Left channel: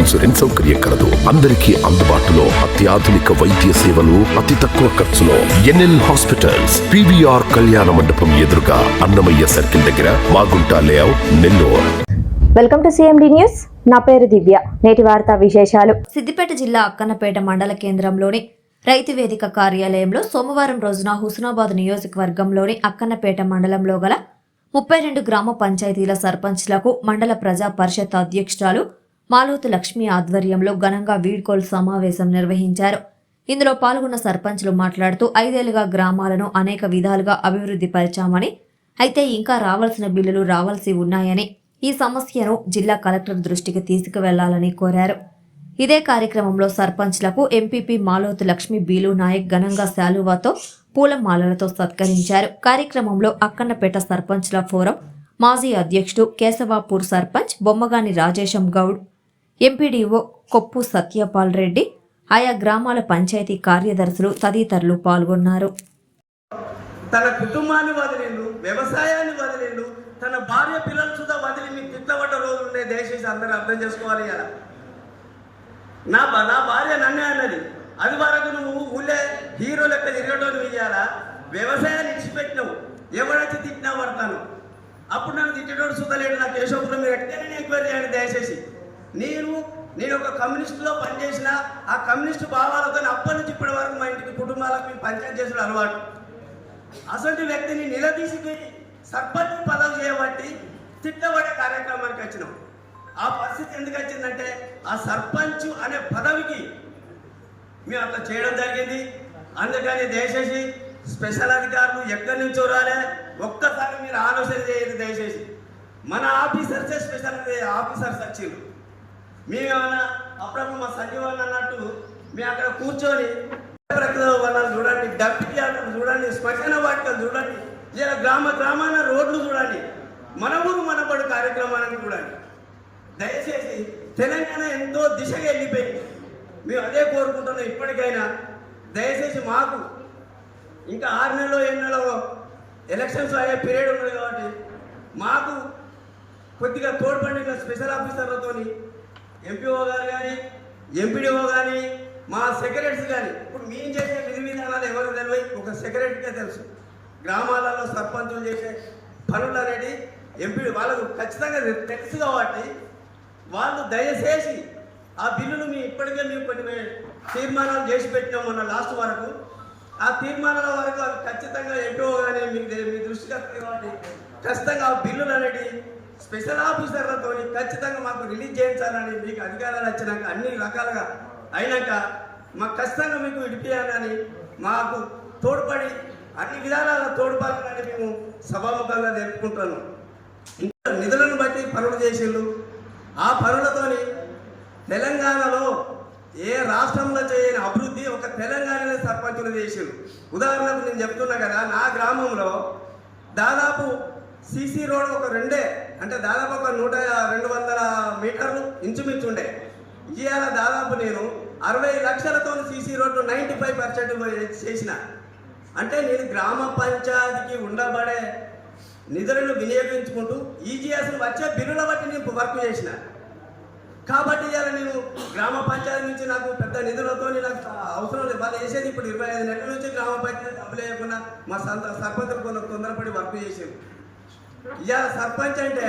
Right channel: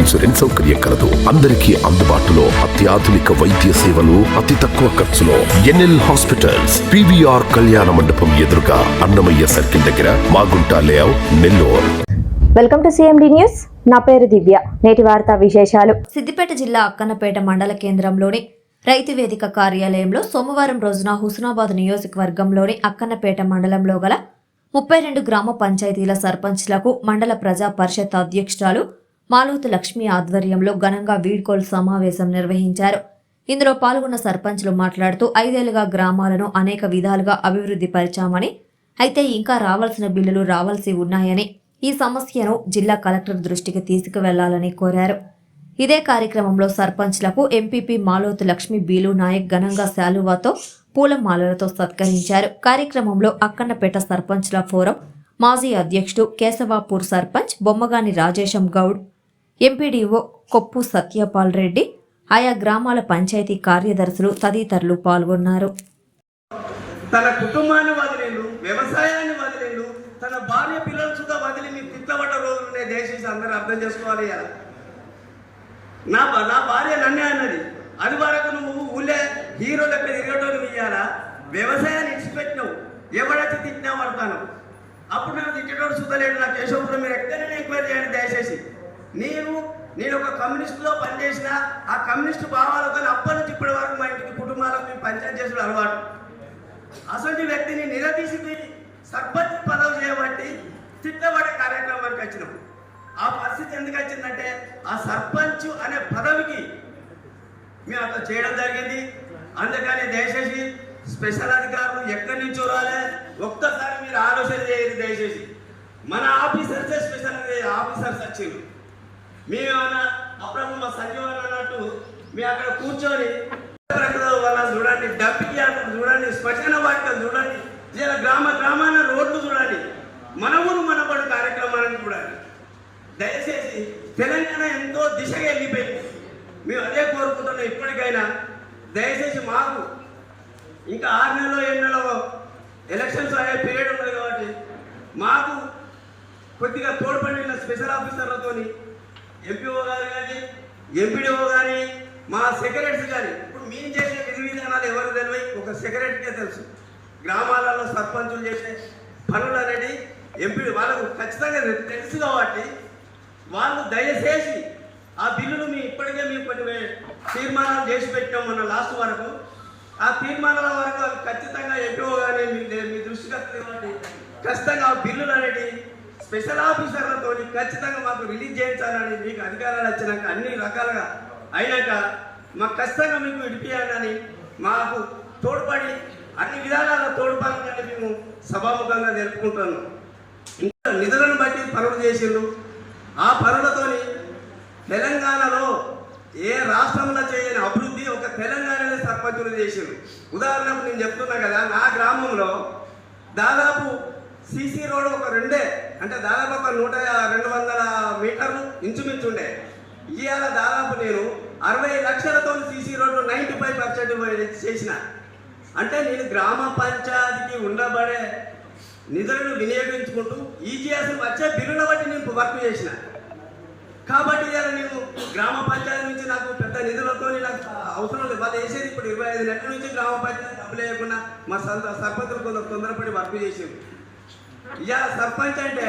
Insurance సౌకర్యం కలదు. అందరికీ అందుబాటులో అత్యాధునిక వైద్య సేవలు అతి తక్కువ ఖర్చులో ఎన్ఎల్ హాస్పిటల్స్ పివిఆర్ కళ్యాణ మండపం ఎదురుగా అన్నమయ్య సర్కిల్ దగ్గర Magunta layout Nellore. Welcome to CMD news. నా పేరు దివ్య. నేటి వార్తా విశేషాలు. సిద్దిపేట జిల్లా అక్కన్నపేట మండల కేంద్రంలోని రైతు వేదిక కార్యాలయంలో సోమవారం రోజున హుస్నాబాద్ నియోజకవర్గంలోని అక్కన్నపేట మండలంలో గల ముప్పై రెండు గ్రామ పంచాయతీల సర్పంచ్లకు మండల ప్రజా పరిషత్ అధ్యక్షురాలు మాలోతు లక్ష్మి ఆధ్వర్యంలో ఘనంగా వీడ్కోలు సమావేశం నిర్వహించారు. ఇందులో పాల్గొన్న సర్పంచ్లు మాట్లాడుతూ ఐదేళ్ళుగా గ్రామాలను అనేక విధాలుగా అభివృద్ధి పరిచామని అయితే ఇంకా రావాల్సిన బిల్లులు రావాల్సి ఉన్నాయని ఈ సమస్యను జిల్లా కలెక్టర్ దృష్టికి తీసుకువెళ్ళాలని కోరారు. ఇదే కార్యక్రమంలో సర్పంచ్లకు ఎంపీపీ మాలోతు లక్ష్మి బీలు నాయక్ ఘనంగా శాలువాతో పూలమాలలతో సత్కరించారు. కార్యక్రమంలో అక్కన్నపేట సర్పంచ్ల ఫోరం మాజీ అధ్యక్షుడు కేశవాపూర్ సర్పంచ్ బొమ్మగాని రాజేశం గౌడ్ ఎంపీడీఓ కొప్పు సత్యపాల్ రెడ్డి ఆయా గ్రామాల పంచాయతీ కార్యదర్శులు తదితరులు పాల్గొన్నారు. తన కుటుంబాన్ని వదిలిండు వ్యవసాయాన్ని వదిలిండు తన భార్య పిల్లలు సుధా వదిలి మీ తిట్టబడ్డ రోజులు ఉన్నాయి దేశీసి అందరూ అర్థం చేసుకోవాలి కదా. నా నా భార్య నన్నే అన్నది. అది వరకు నువ్వు ఊళ్ళే హీరో లెక్క తిరగటోని ఇయ్యాలా? వ్యవసాయాన్ని ఇచ్చిపెట్టినావు. ఎవడైతే తిట్టినా పడతాను. అప్పుడు నన్ను తిట్టడం సుద్దలేడు నా కేశవపురం మీరు ఎక్కడైనా ఎంక్వైరీ చేయండి దయచేసి. నేను నేను ఒక కమ్యూనిస్టులో పనిచేసిన ఆ కమ్యూనిస్టు భావాలతో అప్పటి నుంచి ఇప్పటి వరకు మా ఇంటికి కుటుంబాలకు మేము పంచాయతీ చేసిన అలవాటు. అసలు వ్యక్తిని నిలదీసి సర్పంచ్ పదవి చేయబట్టి తిట్టబడే కార్యక్రమానికి వచ్చినాం. ఆ పరిస్థితి ఎందుకు వచ్చిందంటే ఆ సర్పంచ్ అనే పదవికి మేము అట్లా చేయడం జరిగింది. అందుకని దయచేసి స్పెషల్ అధికారులు ఎక్కడి నుంచో రాలే ఒక్కసారి మీరు ఆలోచన చేయండి దయచేసి. మన ఆఫీసర్సే స్పెషల్ ఆఫీసర్స్ వచ్చిండ్రు. మేమేమన్నా అప్పుడప్పుడు మా సంజీవన్ అన్నట్టు మేము అక్కడ కూర్చొని వాళ్ళని చూడండి డబ్బికి చూడండి శ్మశాన వాటిని చూడండి ఇలా గ్రామ గ్రామాల రోడ్లు చూడండి మన ఊరు మనబడి కార్యక్రమాలను చూడండి. దయచేసి తెలంగాణ ఎంతో దిశగా వెళ్ళిపోయింది. మేము అదే కోరుకుంటున్నాం ఇప్పటికైనా. దయచేసి మాకు ఇంకా ఆరు నెలలో ఏడు నెలలో ఎలక్షన్స్ అనే పీరియడ్ ఉంది కాబట్టి మాకు కొద్దిగా తోడ్పడిన స్పెషల్ ఆఫీసర్లతో ఎంపీఓ గారు కానీ ఎంపీడీఓ కానీ మా సెక్రటరీస్ కానీ ఇప్పుడు మేము చేసే విధి విధానాలు ఎవరు తెలియదు? ఒక సెక్రటరీకే తెలుసు. గ్రామాలలో సర్పంచులు చేసే పనులు అనేది ఎంపీడీ వాళ్ళకు ఖచ్చితంగా తెలుసు. కాబట్టి వాళ్ళు దయచేసి ఆ బిల్లులు మీ ఇప్పటికే మేము కొన్ని తీర్మానాలు చేసి పెట్టాం మొన్న లాస్ట్ వరకు. ఆ తీర్మానాల వరకు ఖచ్చితంగా ఎంపీఓ కానీ మీ మీ దృష్టికి వస్తుంది కాబట్టి ఖచ్చితంగా ఆ బిల్లులు స్పెషల్ ఆఫీసర్లతో ఖచ్చితంగా మాకు రిలీజ్ చేయించాలని మీకు అధికారాలు వచ్చినాక అన్ని రకాలుగా అయినాక మాకు ఖచ్చితంగా మీకు విడిపియాలని మాకు తోడ్పడి అన్ని విధానాల తోడ్పడాలని మేము సభాముఖంగా తెలుపుకుంటున్నాం. ఇంకా నిధులను బట్టి పనులు చేసిండ్రు. ఆ పనులతోని తెలంగాణలో ఏ రాష్ట్రంలో చేయని అభివృద్ధి ఒక తెలంగాణనే సర్పంచులు చేసిండ్రు. ఉదాహరణకు నేను చెప్తున్నా కదా నా గ్రామంలో దాదాపు సీసీ రోడ్ ఒక రెండే అంటే దాదాపు ఒక నూట రెండు వందల మీటర్లు ఇంచుమించు ఉండే. ఇవాళ దాదాపు నేను అరవై లక్షలతో CC road ninety five percent చేసిన. అంటే నేను గ్రామ పంచాయతీకి ఉండబడే నిధులను వినియోగించుకుంటూ ఈజీఎస్ వచ్చే బిల్లుల బట్టి నేను వర్క్ చేసిన. కాబట్టి ఇలా నేను గ్రామ పంచాయతీ నుంచి నాకు పెద్ద నిధులతో నాకు అవసరం లేదు. వాళ్ళు వేసేది ఇప్పుడు ఇరవై ఐదు నెలల నుంచి గ్రామ పంచాయతీ డబ్బులు వేయకుండా మా సొంత సర్పంచ్ కొంత తొందరపడి వర్క్ చేసేది ఇవాళ సర్పంచ్ అంటే